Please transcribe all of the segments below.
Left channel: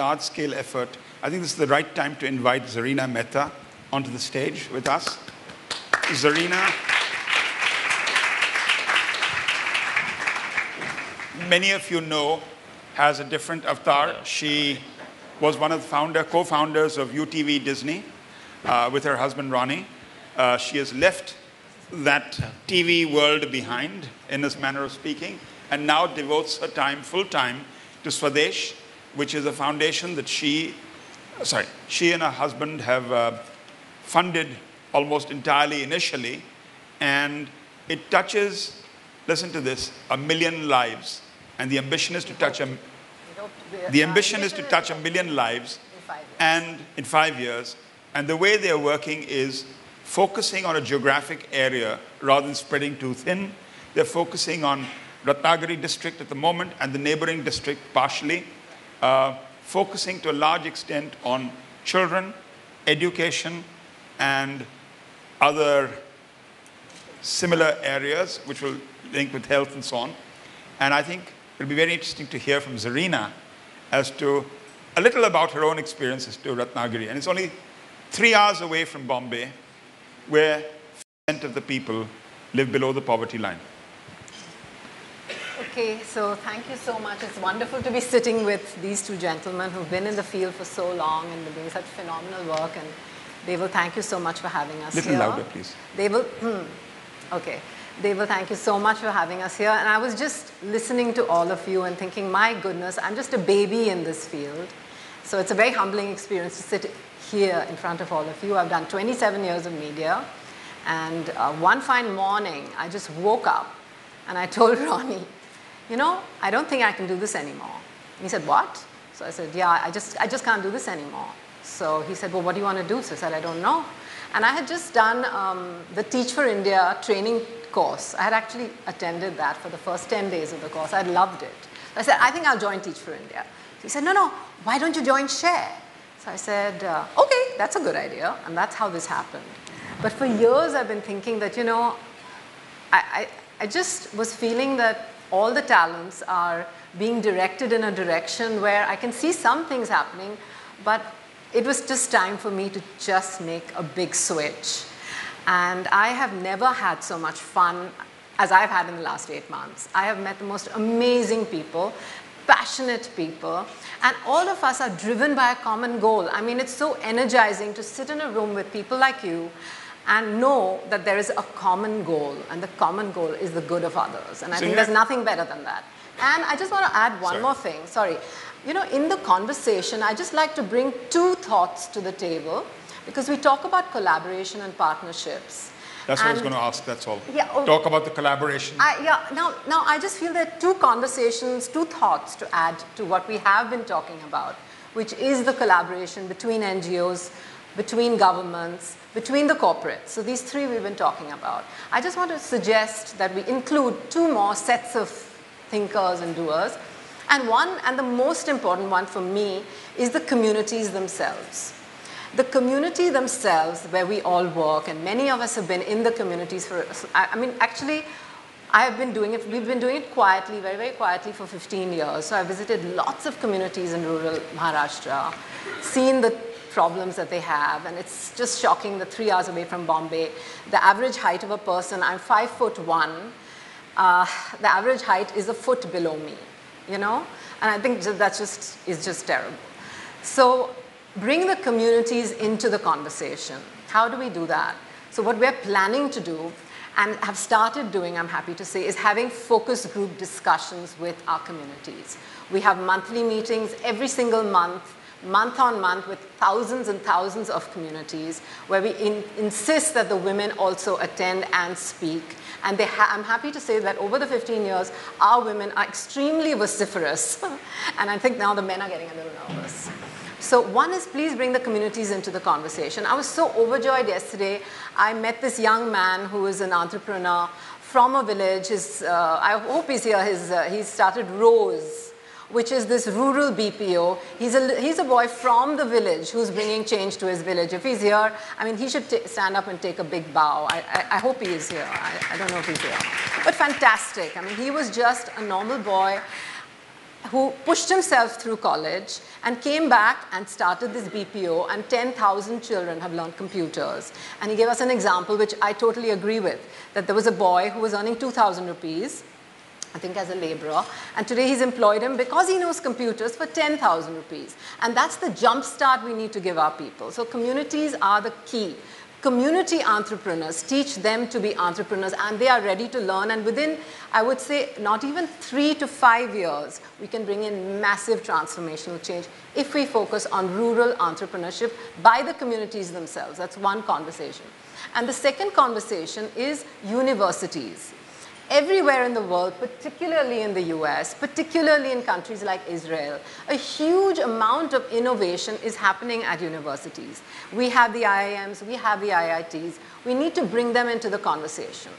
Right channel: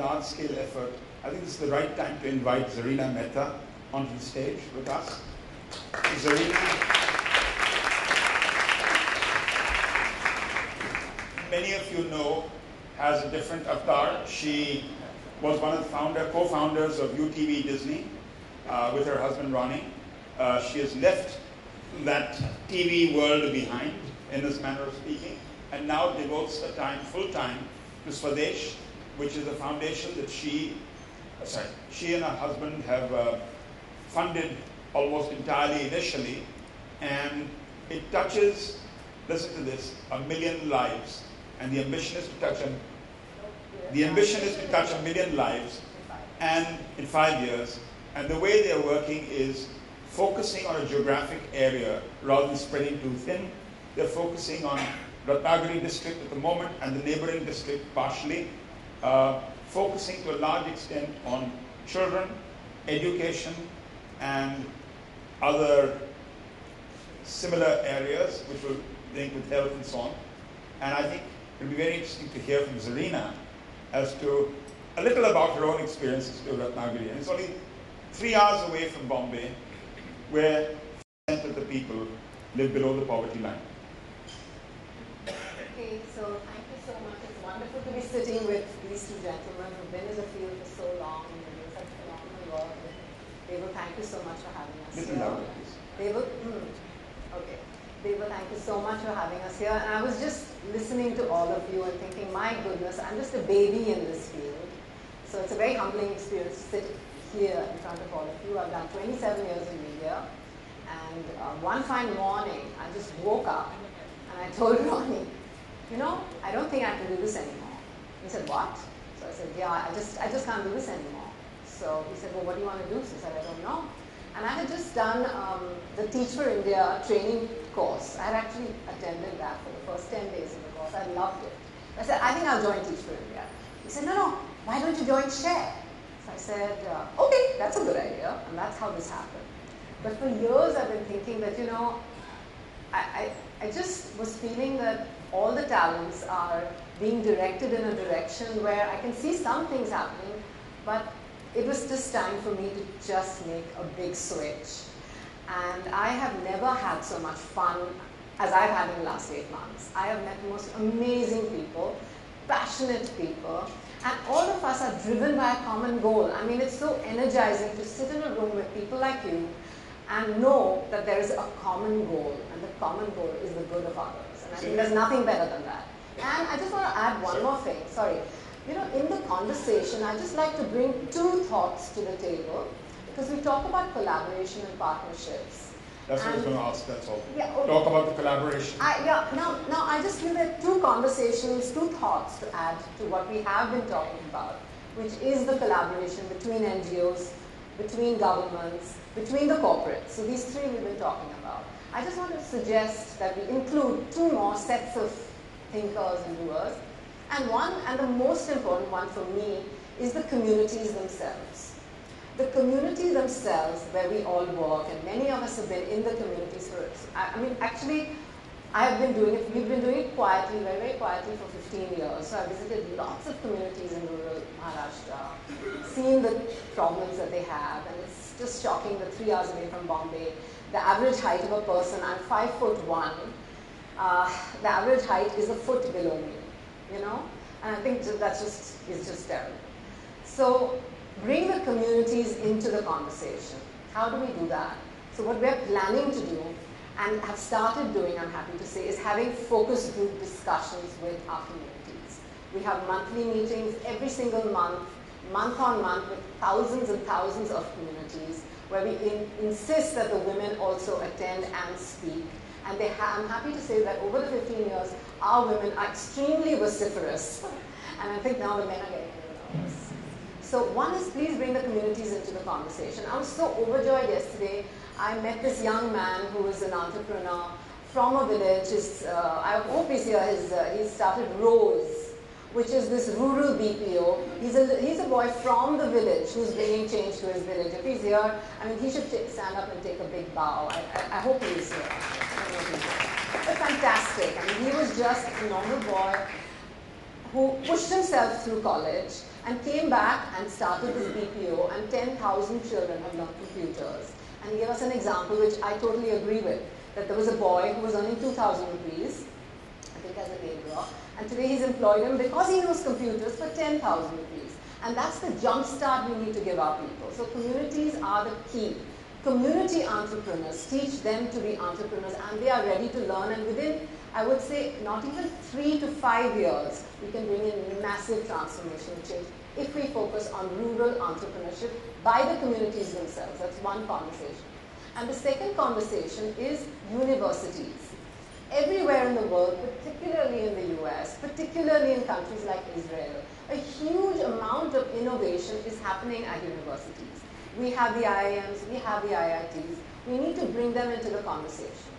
large-scale effort, I think this is the right time to invite Zarina Mehta onto the stage with us. Zarina, many of you know, has a different avatar. She was one of the co-founders of UTV Disney with her husband Ronnie. She has left that TV world behind, in this manner of speaking, and now devotes her time full-time to Swadesh, which is a foundation that she and her husband have funded almost entirely initially, and it touches, listen to this, 1 million lives. And the ambition is to touch 1 million lives and in 5 years. And the way they are working is focusing on a geographic area rather than spreading too thin. They're focusing on Ratnagiri district at the moment and the neighboring district partially, focusing to a large extent on children, education, and other similar areas which will link with health and so on. And I think it'll be very interesting to hear from Zarina as to a little about her own experiences to Ratnagiri. And it's only 3 hours away from Bombay, where 5% of the people live below the poverty line. Okay, so thank you so much. It's wonderful to be sitting with these two gentlemen who've been in the field for so long and they're doing such phenomenal work. And Deval, thank you so much for having us here. Little louder, please. Deval, okay. Deval, thank you so much for having us here. And I was just listening to all of you and thinking, my goodness, I'm just a baby in this field. So it's a very humbling experience to sit here in front of all of you. I've done 27 years of media. And one fine morning, I just woke up and I told Ronnie, you know, I don't think I can do this anymore. And he said, what? So I said, yeah, I just can't do this anymore. So he said, well, what do you want to do? So I said, I don't know. And I had just done the Teach for India training course. I had actually attended that for the first 10 days of the course. I loved it. I said, I think I'll join Teach for India. He said, no, why don't you join Share? So I said, okay, that's a good idea. And that's how this happened. But for years, I've been thinking that, you know, I just was feeling that all the talents are being directed in a direction where I can see some things happening, but it was just time for me to just make a big switch. And I have never had so much fun as I've had in the last 8 months. I have met the most amazing people, passionate people, and all of us are driven by a common goal. I mean, it's so energizing to sit in a room with people like you and know that there is a common goal, and the common goal is the good of others. And I think there's nothing better than that. And I just want to add one more thing. Sorry. You know, in the conversation, I just like to bring 2 thoughts to the table, because we talk about collaboration and partnerships. That's what I was going to ask, that's all. Yeah, talk about the collaboration. Now, I just feel there are 2 conversations, 2 thoughts to add to what we have been talking about, which is the collaboration between NGOs, between governments, between the corporates. So these 3 we've been talking about. I just want to suggest that we include 2 more sets of thinkers and doers. And the most important one for me is the communities themselves. The community themselves where we all work, and many of us have been in the communities for, I mean, actually, I have been doing it, we've been doing it quietly, very, very quietly for 15 years. So I visited lots of communities in rural Maharashtra, seen the problems that they have, and it's just shocking that 3 hours away from Bombay, the average height of a person, I'm 5'1", the average height is a foot below me, you know? And I think that is just terrible. So bring the communities into the conversation. How do we do that? So what we're planning to do, and have started doing, I'm happy to say, is having focus group discussions with our communities. We have monthly meetings every single month on month, with thousands and thousands of communities, where we insist that the women also attend and speak. And I'm happy to say that over the 15 years, our women are extremely vociferous. And I think now the men are getting a little nervous. So one is, please bring the communities into the conversation. I was so overjoyed yesterday. I met this young man who is an entrepreneur from a village. I hope he's here. He started Rose, which is this rural BPO. He's a boy from the village who's bringing change to his village. If he's here, I mean, he should stand up and take a big bow. I hope he is here. I don't know if he's here. But fantastic. I mean, he was just a normal boy. who pushed himself through college and came back and started this BPO, and 10,000 children have learned computers. And he gave us an example which I totally agree with, that there was a boy who was earning 2,000 rupees, I think as a laborer, and today he's employed him because he knows computers for 10,000 rupees. And that's the jump start we need to give our people. So communities are the key. Community entrepreneurs, teach them to be entrepreneurs, and they are ready to learn, and within, I would say, not even 3 to 5 years, we can bring in massive transformational change if we focus on rural entrepreneurship by the communities themselves. That's one conversation. And the second conversation is universities. Everywhere in the world, particularly in the US, particularly in countries like Israel, a huge amount of innovation is happening at universities. We have the IIMs, we have the IITs. We need to bring them into the conversation.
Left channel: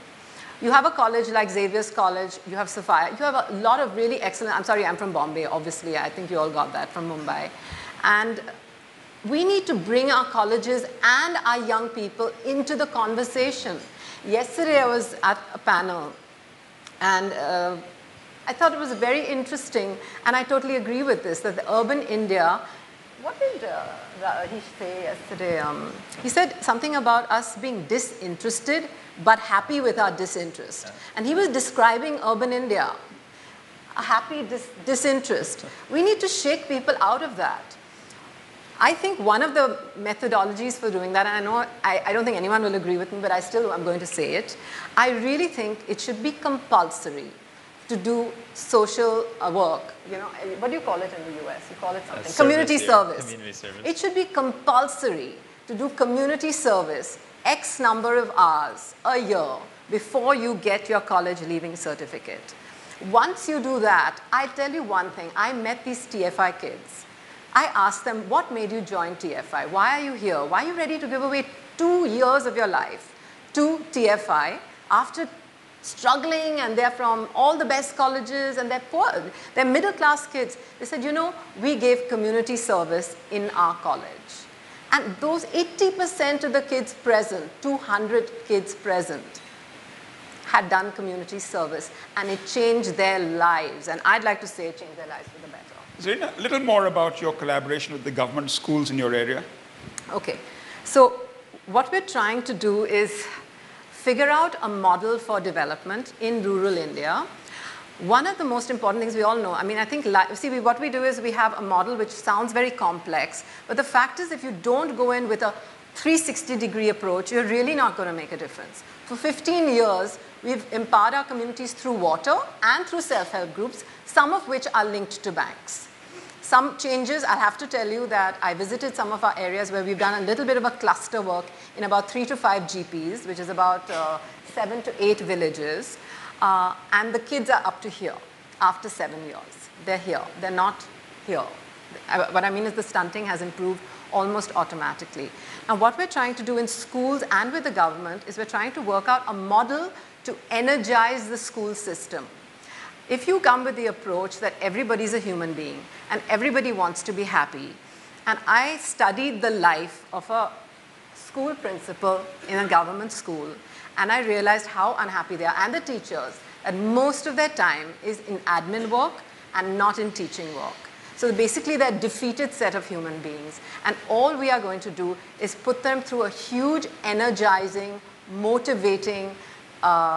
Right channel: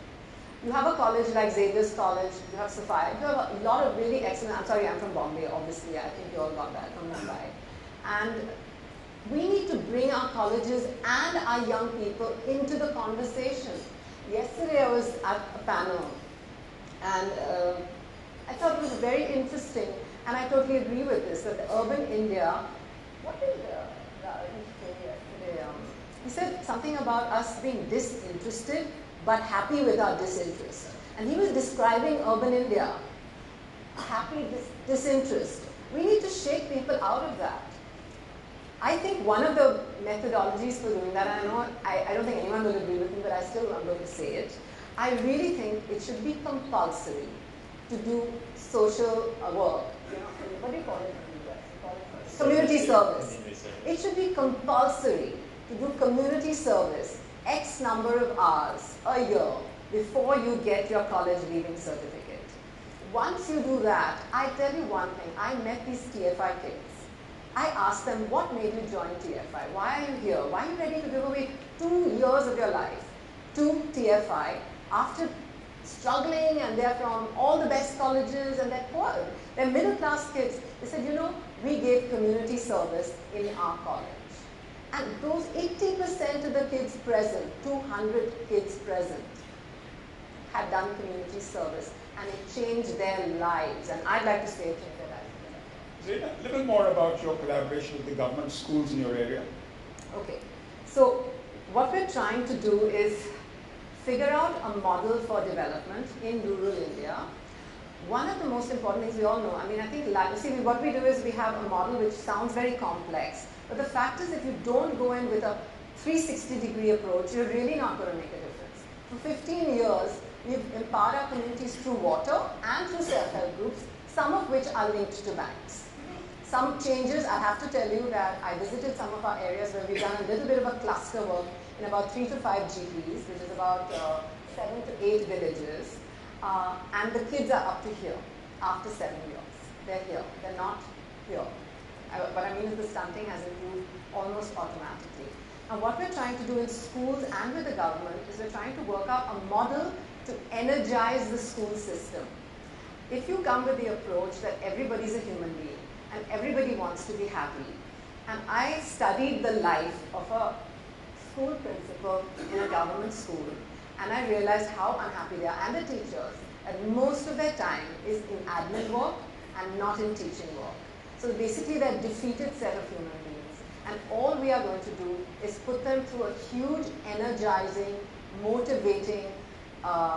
You have a college like Xavier's College, you have Sophia, you have a lot of really excellent, I'm sorry, I'm from Bombay, obviously, I think you all got that from Mumbai. And we need to bring our colleges and our young people into the conversation. Yesterday I was at a panel, and I thought it was very interesting, and I totally agree with this, that the urban India, what did he say yesterday? He said something about us being disinterested, but happy with our disinterest. And he was describing urban India, a happy disinterest. We need to shake people out of that. I think one of the methodologies for doing that, and I know I don't think anyone will agree with me, but I still am going to say it. I really think it should be compulsory to do social work. You know, what do you call it in the US? You call it something. Community service. Community service. It should be compulsory to do community service X number of hours a year before you get your college leaving certificate. Once you do that, I tell you one thing, I met these TFI kids. I asked them, what made you join TFI? Why are you here? Why are you ready to give away 2 years of your life to TFI after struggling, and they're from all the best colleges and they're poor, they're middle class kids. They said, you know, we gave community service in our college. And those 80% of the kids present, 200 kids present, had done community service, and it changed their lives. And I'd like to say it changed their lives for the better. Zarina, a little more about your collaboration with the government schools in your area. Okay, so what we're trying to do is figure out a model for development in rural India. One of the most important things we all know, I mean, I think, see, what we do is we have a model which sounds very complex, but the fact is if you don't go in with a 360-degree approach, you're really not going to make a difference. For 15 years, we've empowered our communities through water and through self-help groups, some of which are linked to banks. Some changes, I'll have to tell you that I visited some of our areas where we've done a little bit of a cluster work in about 3 to 5 GPs, which is about 7 to 8 villages. And the kids are up to here after 7 years. They're here, they're not here. What I mean is the stunting has improved almost automatically. Now what we're trying to do in schools and with the government is we're trying to work out a model to energize the school system. If you come with the approach that everybody's a human being and everybody wants to be happy, and I studied the life of a school principal in a government school, and I realized how unhappy they are, and the teachers, that most of their time is in admin work and not in teaching work. So basically they're a defeated set of human beings, and all we are going to do is put them through a huge, energizing, motivating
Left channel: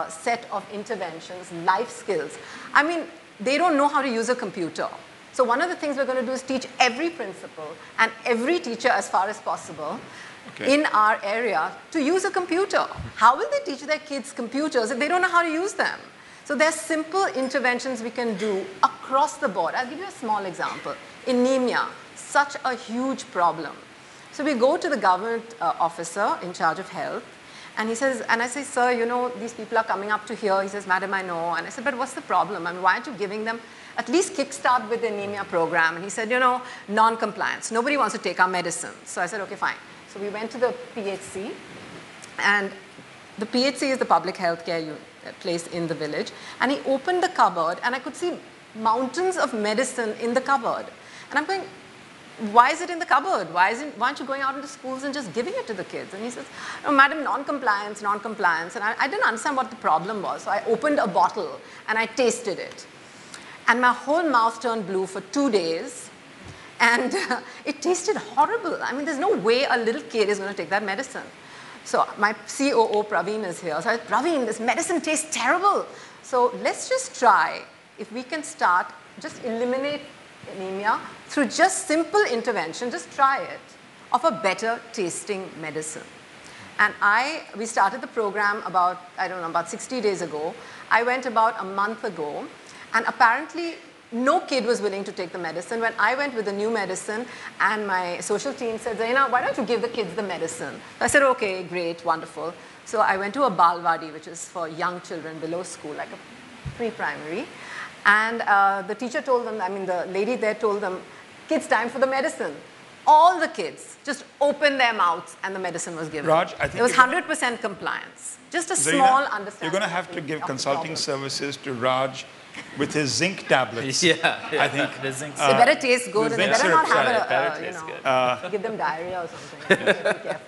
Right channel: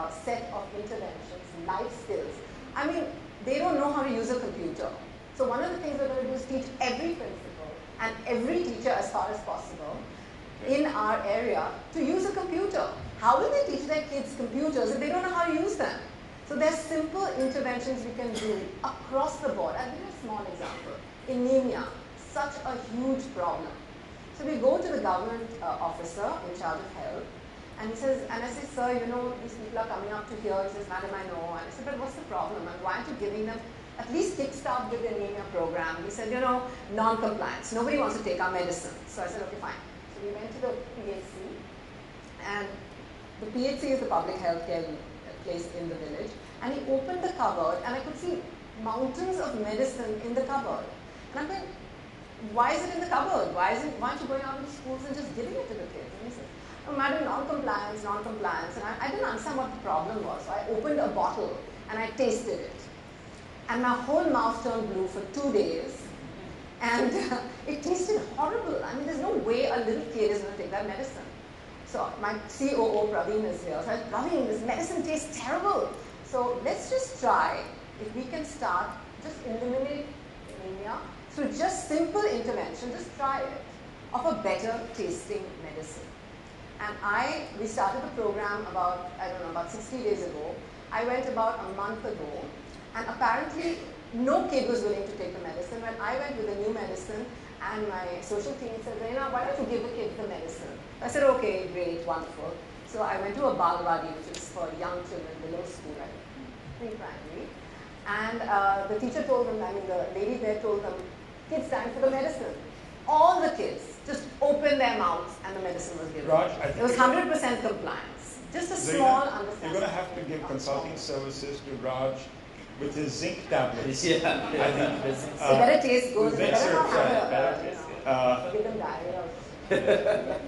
set of interventions, life skills. I mean, they don't know how to use a computer. So one of the things we're going to do is teach every principal and every teacher as far as possible in our area to use a computer. How will they teach their kids computers if they don't know how to use them? So there's simple interventions we can do across the board. I'll give you a small example. Anemia, such a huge problem. So we go to the government officer in charge of health, and he says, and I say, sir, you know, these people are coming up to here. He says, madam, I know. And I said, but what's the problem? I mean, why aren't you giving them at least kickstart with the anemia program? And he said, you know, non-compliance. Nobody wants to take our medicine. So I said, okay, fine. So we went to the PHC, and the PHC is the public health care place in the village, and he opened the cupboard, and I could see mountains of medicine in the cupboard. And I'm going, why is it in the cupboard? Why aren't you going out into schools and just giving it to the kids? And he says, no, madam, non-compliance, non-compliance. And I didn't understand what the problem was, so I opened a bottle and I tasted it. and my whole mouth turned blue for 2 days. And it tasted horrible. I mean, there's no way a little kid is going to take that medicine. So my COO, Praveen, is here. So I said, Praveen, this medicine tastes terrible. So let's just try if we can start, just eliminate anemia through just simple intervention, just try it, of a better tasting medicine. And we started the program about, I don't know, about 60 days ago. I went about a month ago, and apparently no kid was willing to take the medicine. When I went with the new medicine, and my social team said, Zaina, why don't you give the kids the medicine? So I said, okay, great, wonderful. So I went to a Balwadi, which is for young children below school, like a pre-primary. And the teacher told them, I mean, the lady there told them, kids, time for the medicine. All the kids just opened their mouths and the medicine was given. Raj, I think it was 100% compliance. Just a Zaina, small understanding. You're going to have to give consulting services to Raj with his zinc tablets. Yeah, I think the zinc. They better taste good. They better not have good. give them diarrhea or something. Yeah.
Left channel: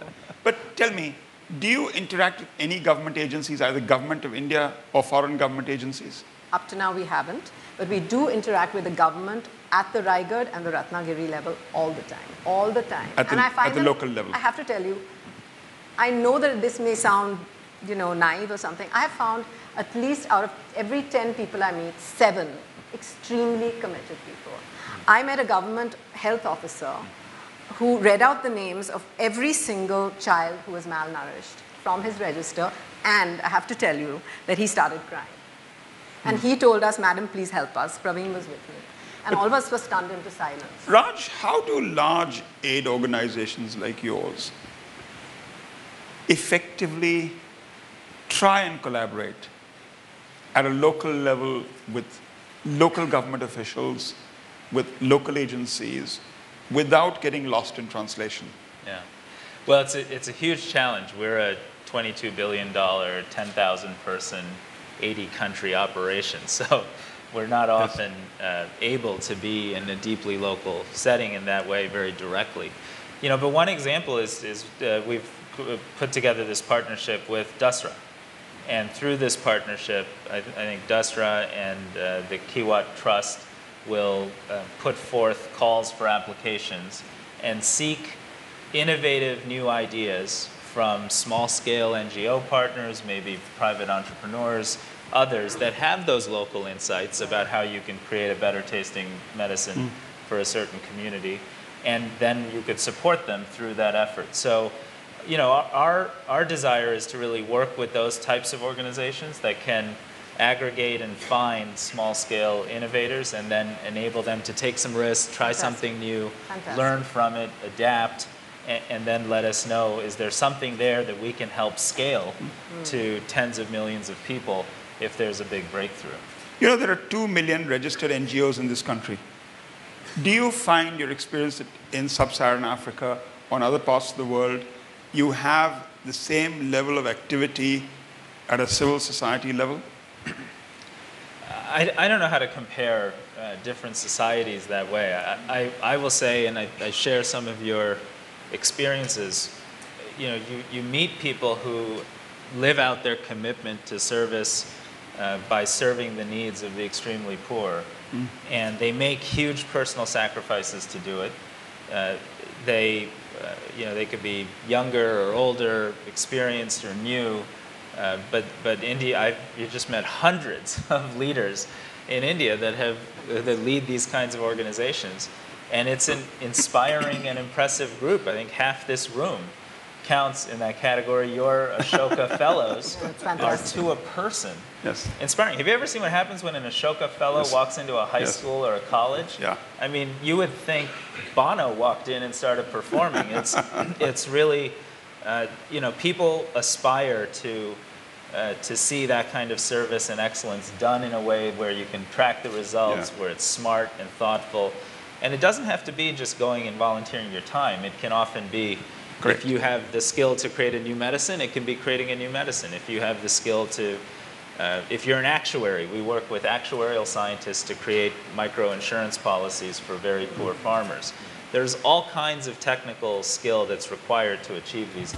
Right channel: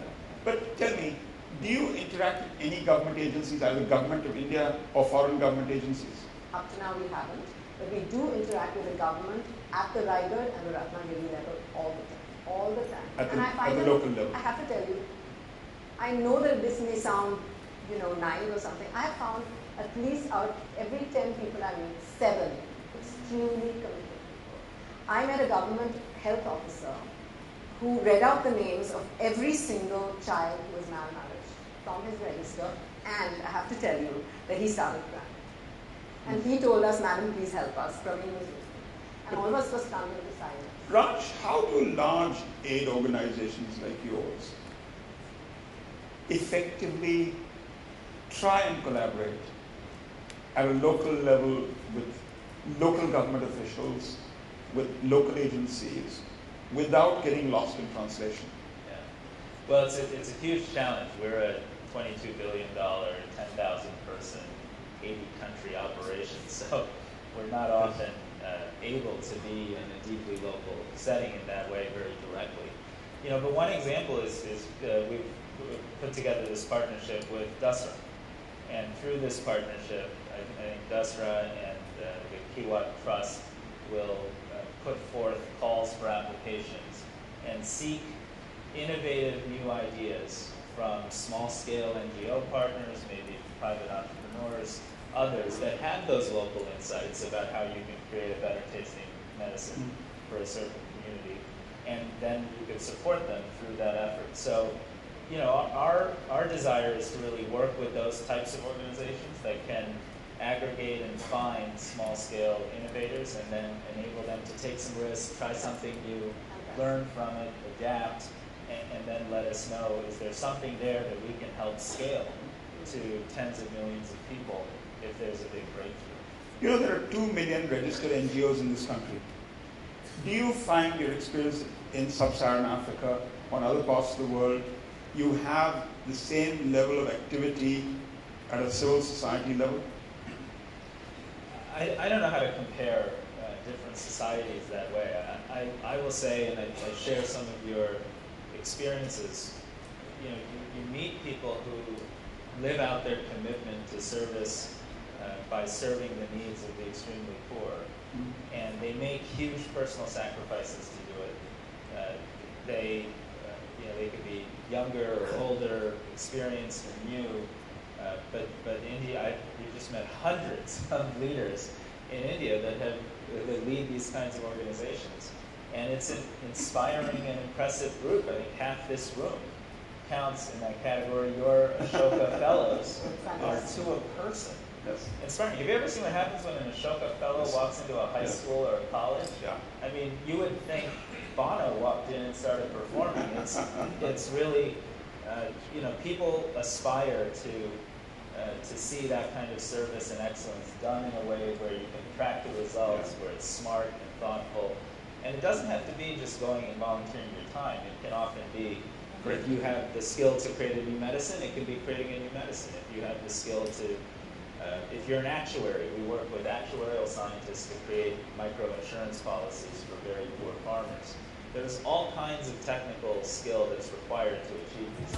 But tell me, do you interact with any government agencies, either government of India or foreign government agencies? Up to now we haven't, but we do interact with the government at the Raigad and the Ratnagiri level all the time. All the time. At the local level. I have to tell you, I know that this may sound, naive or something. I have found at least out of every 10 people I meet, 7 extremely committed people. I met a government health officer who read out the names of every single child who was malnourished from his register, and I have to tell you that he started crying. And he told us, madam, please help us. Praveen was with me. And all of us were stunned into silence. Raj, how do large aid organizations like yours effectively try and collaborate at a local level with local government officials, with local agencies, without getting lost in translation? Yeah. Well, it's a huge challenge. We're a $22 billion, 10,000 person, 80 country operation. So we're not often able to be in a deeply local setting in that way very directly. But one example is we've put together this partnership with Dasra. And through this partnership, I think Dasra and the Kiwat Trust will put forth calls for applications and seek innovative new ideas from small-scale NGO partners, maybe private entrepreneurs, others that have those local insights about how you can create a better tasting medicine for a certain community, and then you could support them through that effort. So, our desire is to really work with those types of organizations that can aggregate and find small-scale innovators and then enable them to take some risks, try something new, learn from it, adapt, and then let us know, is there something there that we can help scale to tens of millions of people if there's a big breakthrough? There are 2 million registered NGOs in this country. Do you find your experience in sub-Saharan Africa, on other parts of the world, you have the same level of activity at a civil society level? I don't know how to compare different societies that way. I will say, and I share some of your experiences, you meet people who live out their commitment to service by serving the needs of the extremely poor. And they make huge personal sacrifices to do it. They could be younger or older, experienced or new, but India, you just met hundreds of leaders in India that lead these kinds of organizations, and it's an inspiring and impressive group. I think half this room counts in that category. Your Ashoka Fellows are to a person. Yes. Inspiring. Have you ever seen what happens when an Ashoka Fellow walks into a high school or a college? Yeah. I mean, you would think Bono walked in and started performing. It's really, people aspire to see that kind of service and excellence done in a way where you can track the results, where it's smart and thoughtful. And it doesn't have to be just going and volunteering your time. It can often be, if you have the skill to create a new medicine, it can be creating a new medicine. If you have the skill to if you're an actuary, we work with actuarial scientists to create micro-insurance policies for very poor farmers. There's all kinds of technical skill that's required to achieve these.